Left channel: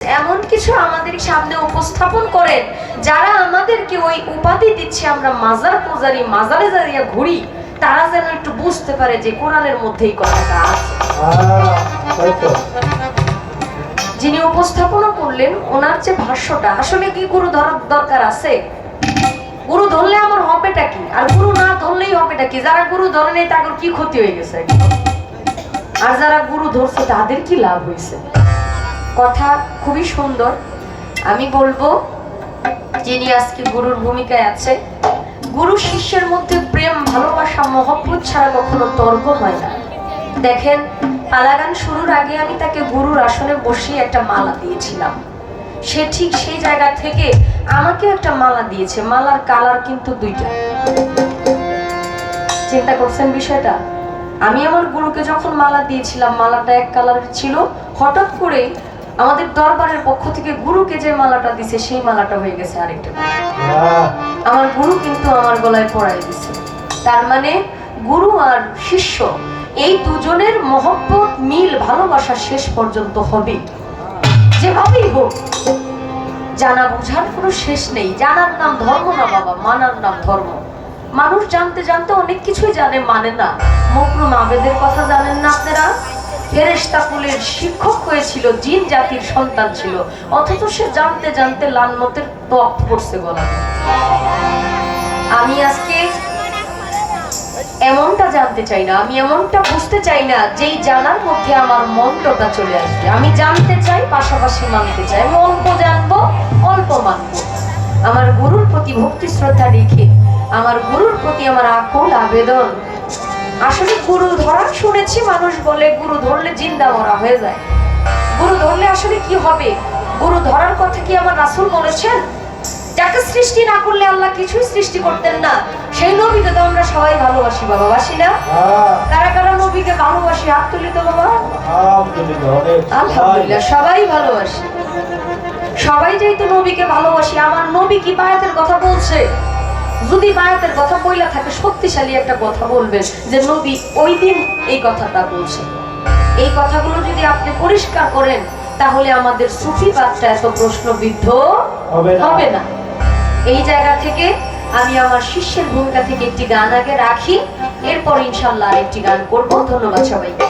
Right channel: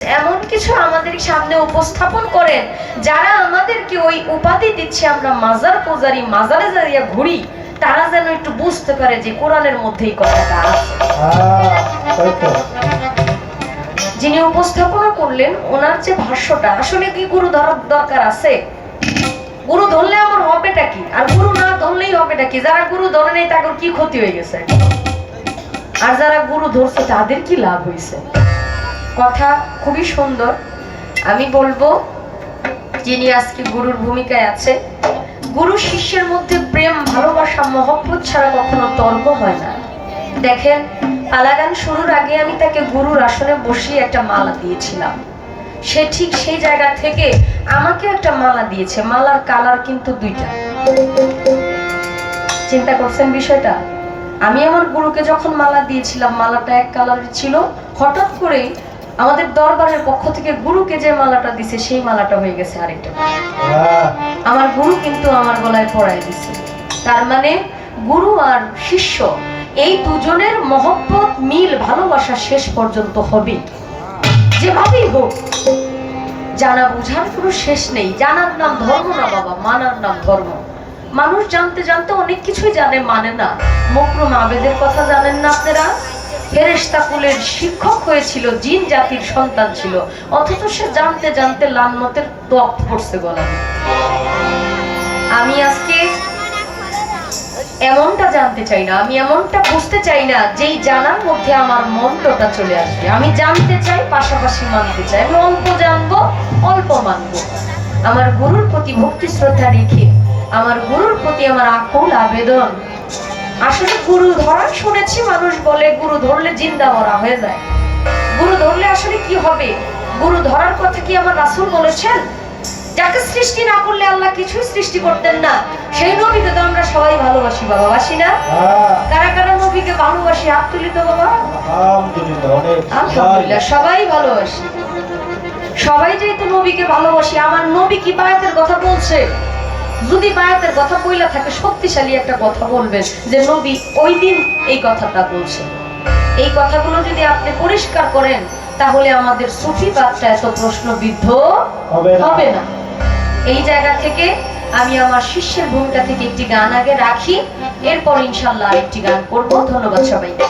এমন কিছু আমাদের সামনে উপস্থাপন করেন যারা আমাদেরকে ওই উপাধি দিচ্ছে আমরা মাজার পূজারি, মাজারে যাইয়া ঘুরি, তারা যেন একটু বুঝতে পারে যে কোরআনের মধ্যেই কথাটা আছে। যিনি উপস্থাপনা করলেন ওনার যে ভাষ্যটা, আসলে কি গুরু ধরার দরকার আছে? গুরু ধরলে আমার হবেটা কি, আর গুরু না ধরলেই হবেটা কি? যারা গুরু ধরে নেই তাদের কি ক্ষতি হয়ে গেছে, আর যারা গুরু ধরছে তাদের কি লাভ হয়েছে? কথা খুবই সুন্দর। আমি বলবো যিনি আজকে গুরুর ভূমিকায় আছে, গুরু শিষ্যের মধ্যে প্রেম, ভালোবাসা, মহব্বত ছাড়া কখনো তর্ক হয় না। দেখেন, আলাগান শুরুর আগে আমি তাকে গুরুর আসনে বসিয়ে একটা মালা দিয়েছিলাম। সে ঠিক সেই জায়গা থেকে আমাকে একটা মালা দিয়েছে। মালার কালার কিন্তু দুইটা। চিন্তা করছেন বিষয়টা? আমি আমার গুরুকে যখন মালা দিয়েছিলাম, মালাটা এক কালারের ছিল। হঠাৎ করে আমাদের দরবারের পক্ষ থেকে গুরুকে যে মালাটা দিছে সেই মালাটা হয়ে গেছে আরেকটা। আমার গুরু কিন্তু আমার গলায় পরাই দিছে। তার মানে গুরু আর শিষ্য এই দুজনের মহব্বত, মিল, ভালোবাসা শেষ পর্যন্ত হবে, যেভাবেই হোক। জানা বুঝার কোনো শেষ নেই। জানার নাম ধর্ম না বাবা, মানার নাম ধর্ম। মানুষ জানতে জানতে অনেক কিছুই জানে, মানে না। মকরুম আবেদের কথা জানেন না আপনারা? ফেরেশতা কুলের শিক্ষক হয়েছিল, জিন জাতির সন্তান ছিল, অথচ সে জানতে জানতে লালনতের ত্বক পড়ছে গলায়। আমি আজকে এমনটা জানতে চাই না, আমি এমনটা বুঝতে চাই না যেই জানার মধ্যে আমার মন্ত্রটা চলে আসবে। আমি জানতে চাই, পাশাপাশি মানতে চাই। আমি অল্প জানবো, অল্প মানবো। আমার গুরুর প্রতি ভক্তি শ্রদ্ধা রেখে, আমার গুরুর প্রতি আমার আকুল আবেদন। আসলে গুরু ধরা শুনেছি, মানুষ বলে গুরু ধরলে জিন্দা মরা হয়ে যায়। গুরু ধরলে আসলে কি হবে? গুরু ধরার কথা কি আমার রাসূল বলেছেন? যাকে সৃষ্টি না করলে আল্লাহ কিছুই সৃষ্টি করতেন না, সেই নবীকে তো আমরা সবাই ভালোবাসি বাবা, বাসি না? কারা কারা নবীকে ভালোবাসি? হাত তুলি তো বাবা। আলহামদুলিল্লাহ, সবাই ভালোবাসি। সবাই যেহেতু নবীকে ভালোবাসি, আমার নবী কি বায়াতের কথা বলছে? যদি বায়াতের কথা বইলা থাকে, শক্তিশালী একটা কথা বলবেন যে নবী ওই দিন এই কথাটা বলছে। এই কথাগুলো যদি আপনি পরিষ্কার করেন, তাহলে আমাদের সুফিবাদটা এত প্রশ্নবিদ্ধ হবে না। এই জায়গা থেকে আমি আমার শিষ্যের ভূমিকা থেকে একটি গান আগে রাখি, এরপর ইনশাআল্লাহ আরেকটি গান করব। ধন্যবাদ সবাইকে।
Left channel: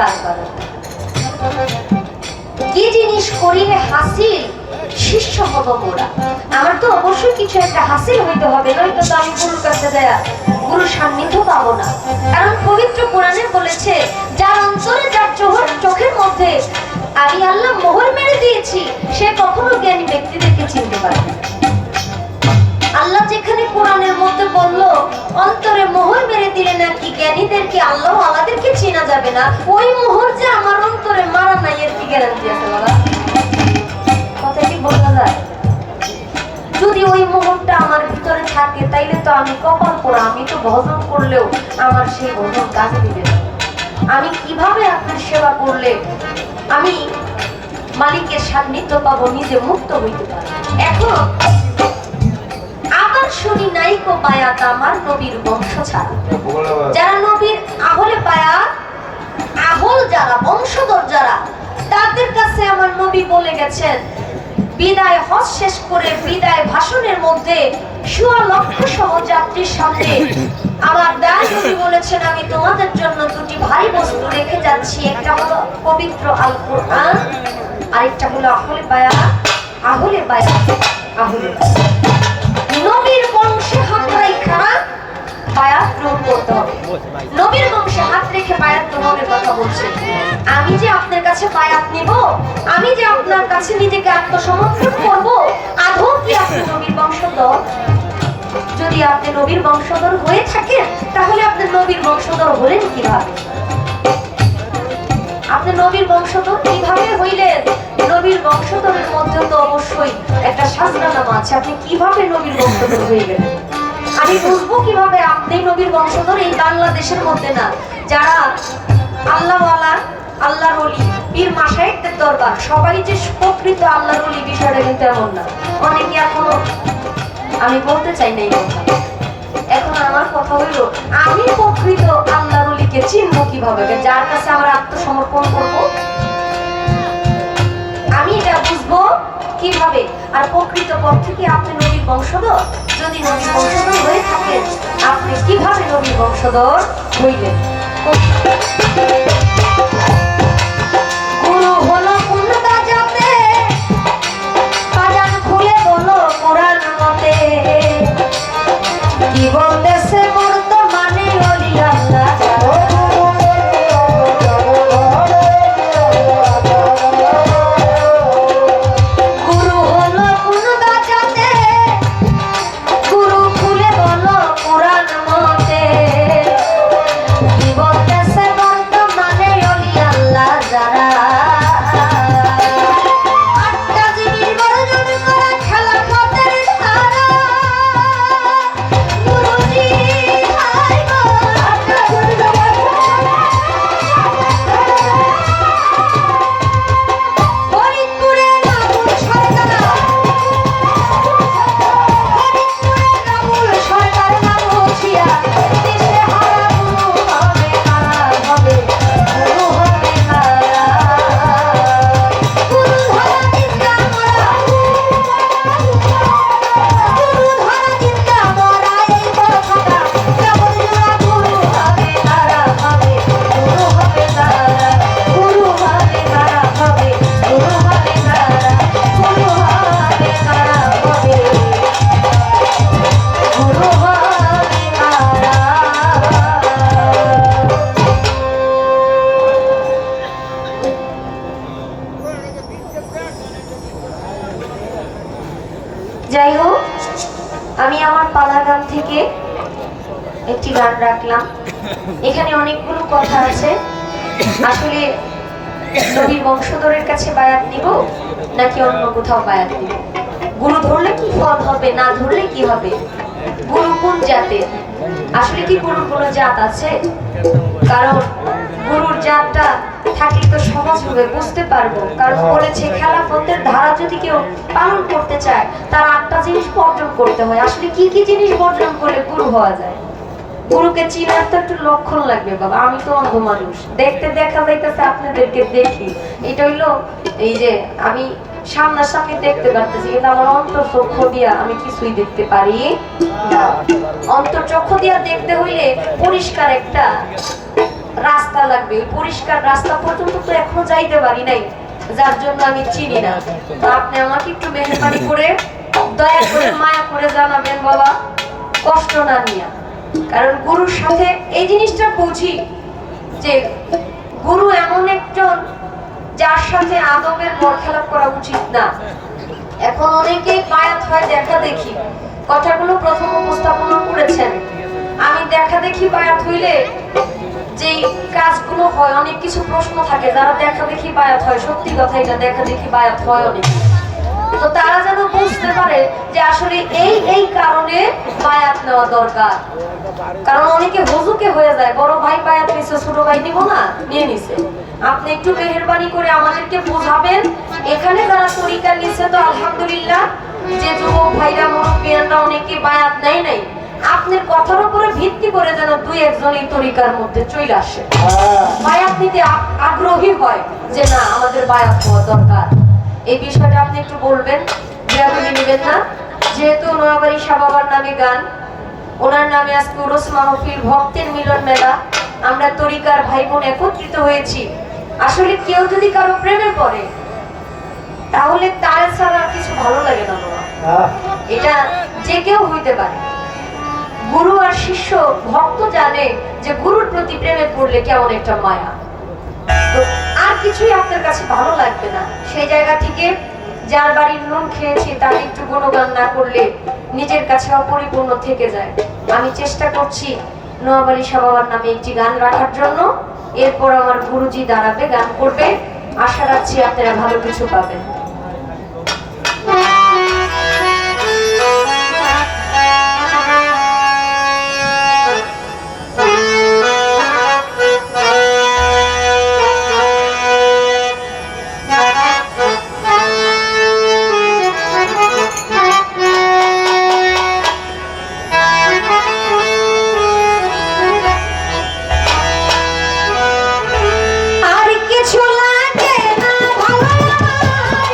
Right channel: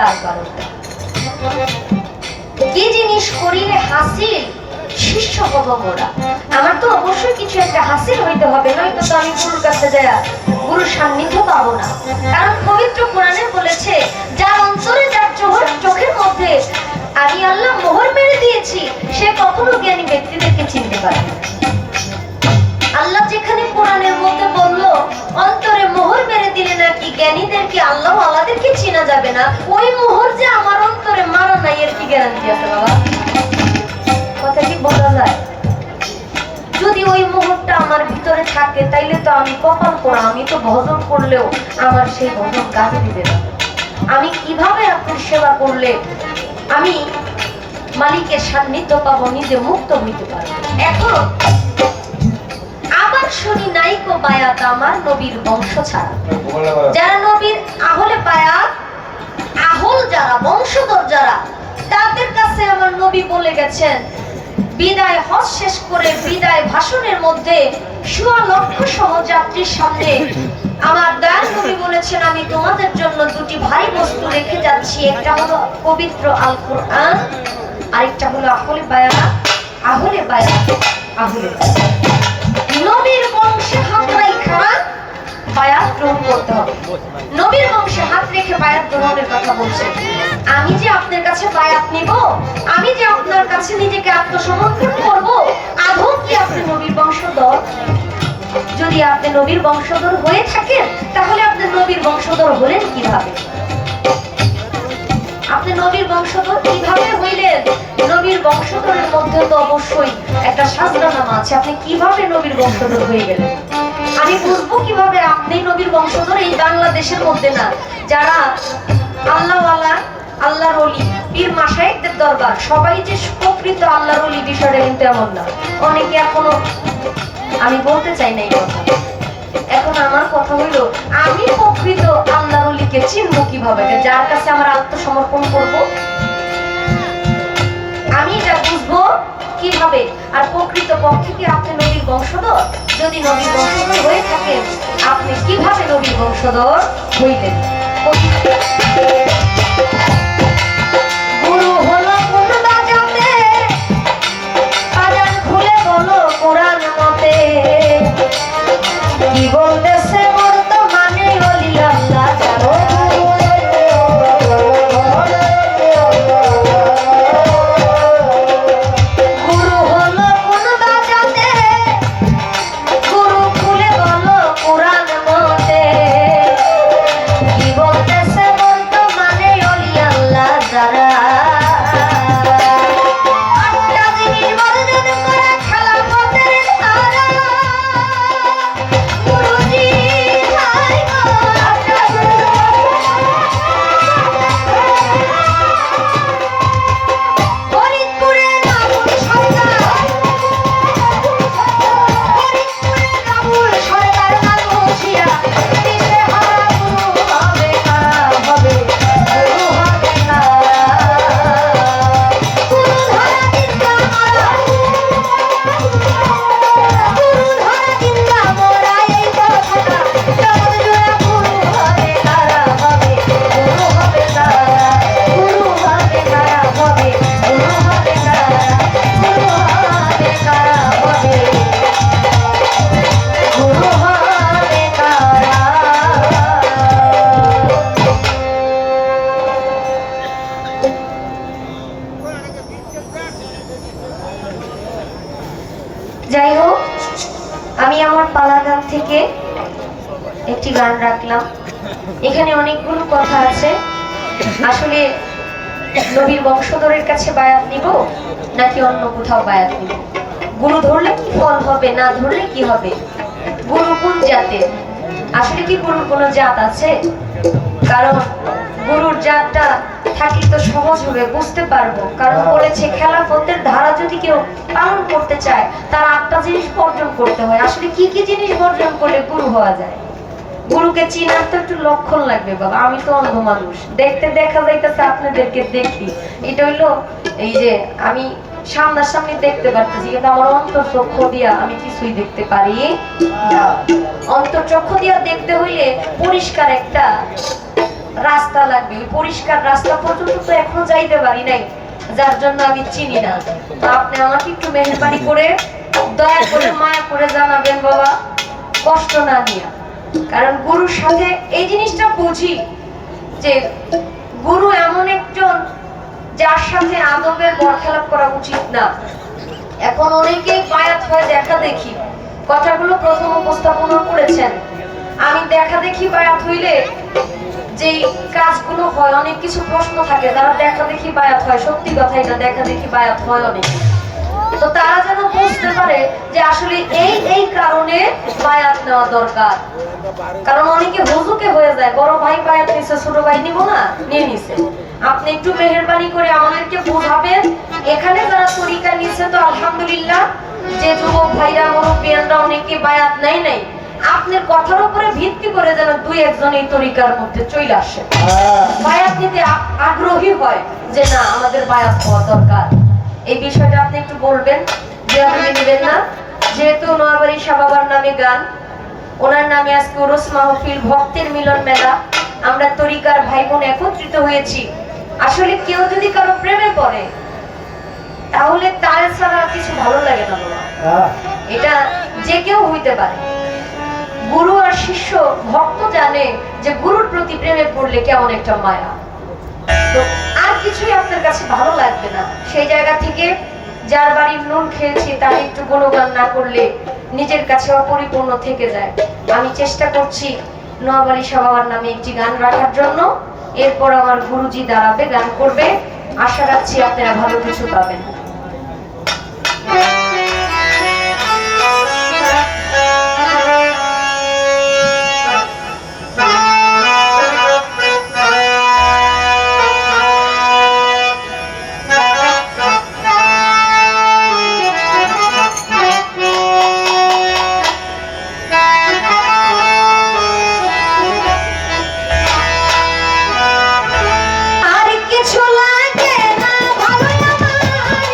তার বারোটা। কি জিনিস করিলে হাসিল শিষ্য হব মোরা। আমার তো অবশ্যই কিছু একটা হাসিল হইতে হবে, নয়তো তো আমি গুরুর কাছে যাইয়া গুরুর সান্নিধ্য পাবো না। কারণ পবিত্র কোরআনে বলেছে, যার অন্তরে যার চোখের মধ্যে আমি আল্লাহ মোহর মেরে দিয়েছি, সে কখনো জ্ঞানী ব্যক্তিদেরকে চিনতে পারে না। আল্লাহ যেখানে কোরআনের মধ্যে বলল অন্তরে মোহর মেরে দিলে নাকি জ্ঞানীদেরকে আল্লাহ আল্লাহদেরকে চেনা যাবে না, ওই মোহর যে আমার অন্তরে মারা নাই এর কি গ্যারান্টি আছে বাবা? কথা কি বলা যায়? যদি ওই মোহরটা আমার ভিতরে থাকে তাইলে তো আমি কপাল পোড়া, আমি তো ভজন করলেও আমার সেই ভজন কাজ দিবে না। আমি কিভাবে আপনার সেবা করলে আমি মালিকের সান্নিধ্য পাবো, নিজে মুক্ত হইতে পারবো? এখন আবার শুনি নাইকো বায়াত আমার নবীর বংশ ছাড়া। যারা নবীর আহলে বায়াত, আহল যারা, বংশধর যারা, তাদের কাছে আমার নবী বলে গেছেন, বিদায় হজ শেষ করে বিদায় ভাষণের মধ্যে ১৬ লক্ষ সহযাত্রীর সামনে আমার দয়াল নবী বলেছেন, আমি তোমাদের জন্য দুটি ভারী বস্তু রেখে যাচ্ছি। একটা হলো পবিত্র আল কোরআন, আরেকটা হলো আহলে বায়াত। আহলে বায়াত, আহলে বায়াত। নবীর বংশে হাত রেখে বায়াত গ্রহণ করতে হবে। নবীর বংশে হাত রেখে বায়াত গ্রহণের কথা বলছেন। আমি যে আপনার কাছে বায়াত নিব, আমি যে আপনার কাছে নিজেকে আত্মসমর্পণ করব, আদৌ কি আপনি নবীর বংশধর? যদি আপনি নবীর বংশধর হয়ে থাকেন, তাহলে আপনি নবীর বংশধর হলেন কিভাবে? আপনি নবীর বংশধর কিভাবে হইলেন? নবীর বংশধরের মধ্যে তো অবশ্যই একটা শাস্ত্রনামা আছে। আপনি কিভাবে নবীর বংশধর হয়ে গেলেন? আমি বুঝবো কিভাবে আপনি নবীর বংশধর? এই বাংলাদেশের মধ্যে না, যারা আল্লাহওয়ালা, আল্লাহর ওলি, পীর মাশায়েখদের দরবার, সবাই যে প্রকৃত আল্লাহর ওলি বিষয়টা কিন্তু এমন না। অনেকে এখনো, আমি বলতে চাই না এই কথা। এখন আমার কথা হইলো, আমি প্রকৃত আল্লাহর ওলিকে চিনবো কিভাবে? যার কাছে আমার আত্মসমর্পণ করব, আমি এটা বুঝবো কিভাবে? আর প্রকৃত পক্ষে কি আপনি নবীর বংশধর? যদি নবীর বংশধর হয়ে থাকেন, আপনি কিভাবে নবীর বংশধর হইলেন? গুরু হলো কোন বাজাতে, বাজান খুলে বলো কোরআন মতে, কি বলতেছে বর্তমানে ওলি আল্লাহ যারা। গুরু হলো কোন বাজাতে, গুরু খুলে বলো কোরআন মতে, কি বলতেছে বর্তমানে ওলি আল্লাহ যারা। যাই হোক, আমি আমার পালা গান থেকে একটি গান রাখলাম। এখানে অনেকগুলো কথা আছে। আসলে নবীর বংশধরের কাছে বায়াত নিব নাকি অন্য কোথাও বায়াত নিব? গুরু ধরলে কি ফল হবে, না ধরলে কি হবে? গুরু কোন জাতের? আসলে কি গুরুর কোনো জাত আছে? কারণ গুরুর জাতটা থাকলে তো সহজভাবে বুঝতে পারবো। কারণ বলেছে, খেলাফতের ধারা যদি কেউ পালন করতে চায়, তার 8টা জিনিস বর্জন করতে হয়। আসলে কি কি জিনিস বর্জন করলে গুরু হওয়া যায়? গুরুকে চিনার তো একটু লক্ষণ লাগবে বাবা। আমি তো অন্ধ মানুষ, দেখতে দেখা যাইতেছে আপনাদেরকে দেখি, এটা হইলো এই যে আমি সামনাসামনি দেখতে পারতেছি, কিন্তু আমার অন্তর্চক্ষু দিয়া আমি কিছুই দেখতে পারি না। অন্তর্চক্ষু দিয়া দেখতে হইলে পরিষ্কার একটা রাস্তা লাগবে, ওই পরিষ্কার রাস্তা পর্যন্ত তো এখনো যাইতে পারি নাই, যার জন্য আমি চিনি না। তো আপনি আমাকে একটু মেহেরবানি করে দয়া করে মায়া করে জানাবেন বাবা, কষ্ট না নিয়ে। কারণ গুরুর সাথে এই জিনিসটা বুঝি যে গুরু এমন একজন যার সাথে আদবের বরখেলাপ করা উচিত না। এখন অনেকেই বায়াত হয় দেখা দেখি, কথাগুলো প্রথম উপস্থাপন করেছেন। আমি দেখা দেখি বায়াত হইলে যেই কাজগুলো হয়, অনেক কিছু প্রশ্ন থাকে, যারা দেখা দেখি বায়াত হয়, সত্যি কথা এটা দেখা দেখি বায়াত হয় অনেক, তো তারা যেন বুঝতে পারে যে আসলে এই এই কারণে বায়াত নেওয়া দরকার। কারণ অনেকে হুজুকে হয়ে যায়, বড় ভাই বায়াত নিছে, ছোট ভাই নিব না, নিয়ে নিছে। আপনি একটু মেহেরবানি করে আমাদেরকে বোঝাবেন। এখানে যারা তরিকা নিছে তো আলহামদুলিল্লাহ, যে যুবক ভাইরা মুরব্বিয়ানরা অনেকে বায়াত নাই নাই, আপনার কথার উপরে ভিত্তি করে যেন দুই একজন এই তরিকার মধ্যে চলে আসে, বায়াত নিতে আগ্রহী হয় যে না আমাদের বায়াত হওয়া দরকার। এই বিষয়টা আপনি একটু বলবেন যে আপনি নেবেন না। যেহেতু নোয়াবাড়ি শাহ বাবার নামে গান, ওনার নামে আজকে উরুস মাহফিল, ভক্তের মিলন মেলা, আমরা তরিকার ভাই বোন একত্রিত হয়েছি। আসলে কেউ যদি কারো প্রেমে পড়ে তাহলে তার ছাড়া কিছু ভালো লাগে না বাবা, এটা যে কেউ হইতে পারে। গুরু আর শিষ্য ভক্ত জানে যে গুরুর প্রতি প্রেমে পড়লে কেমন একটা মায়া, তো আর কিছুই আপনার কাছে ভালো লাগবে না। সেই জায়গা থেকে যার বাড়ির নুন খেয়েছি তার একটু গুণগান না করলে নিজের কাছে অপরিপূর্ণ থেকে যায়। আমি চেষ্টা করছি নোয়াবাড়ি শাহ বাবার নামে একটি গান রাখার জন্য, এরপর আমার গুরুজি দাঁড়াবে, গান করবে। আশা রাখছি আপনারা ভালো কিছু পাবেন। আর কিছু লাগে না ভালো আমার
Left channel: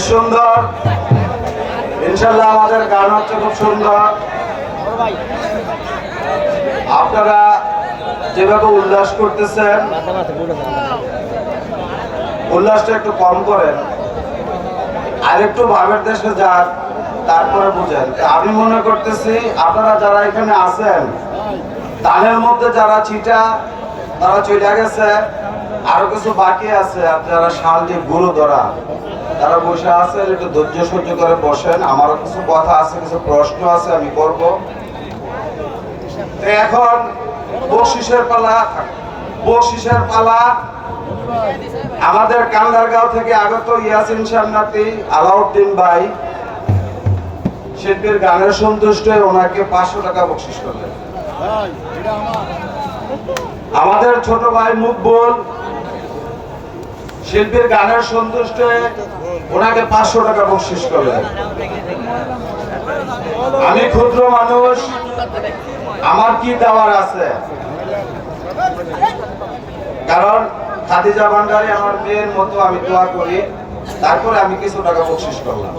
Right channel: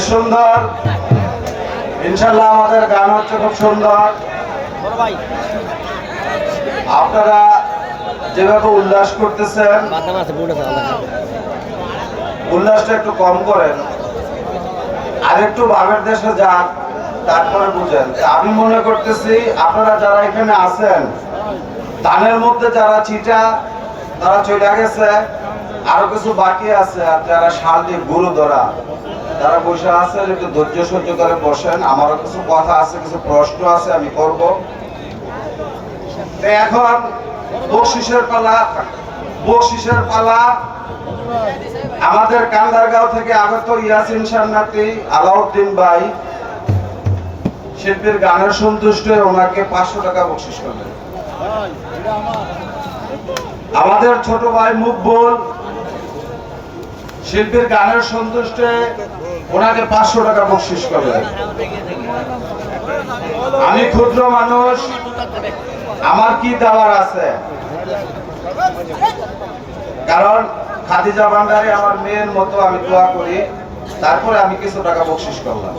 বেশ সুন্দর, ইনশাল্লাহ আমাদের গান হচ্ছে খুব সুন্দর। আপনারা যেভাবে উল্লাস করতেছেন, উল্লাসটা একটু কম করেন, আর একটু ভাবের দেশে যান, তারপরে বুঝেন। আমি মনে করতেছি আপনারা যারা এখানে আছেন, তাদের মধ্যে যারা চিটা তারা চলে গেছে, আরো কিছু বাকি আছে। আর যারা শান্তি গুরু ধরা তারা বসে আছেন, একটু ধৈর্য সহ্য করে বসেন। আমারও কিছু কথা আছে, কিছু প্রশ্ন আছে, আমি করব। এখন বকশিসের পালা, বকশিসের পালা। আমাদের কান্দারগাঁও থেকে আগত ইয়াসিন সান্নাতি আলাউদ্দিন ভাই শিল্পীর গানের সন্তুষ্ট হয়ে ওনাকে 500 টাকা বকশিস করলেন। আমাদের ছোট ভাই মুকবুল শিল্পীর গানের সন্তুষ্ট হয়ে ওনাকে 500 টাকা বকশিস করলেন। আমি ক্ষুদ্র মানুষ, আমার কি দেওয়ার আছে? কারণ খাদিজা ভান্ডারী আমার মেয়ের মতো, আমি দোয়া করি, তারপরে আমি কিছু টাকা বকশিস করলাম।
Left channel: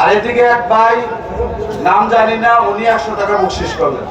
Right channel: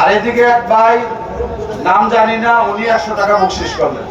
আর এদিকে এক ভাই, নাম জানি না, উনি 100 টাকা বকশিস করলেন।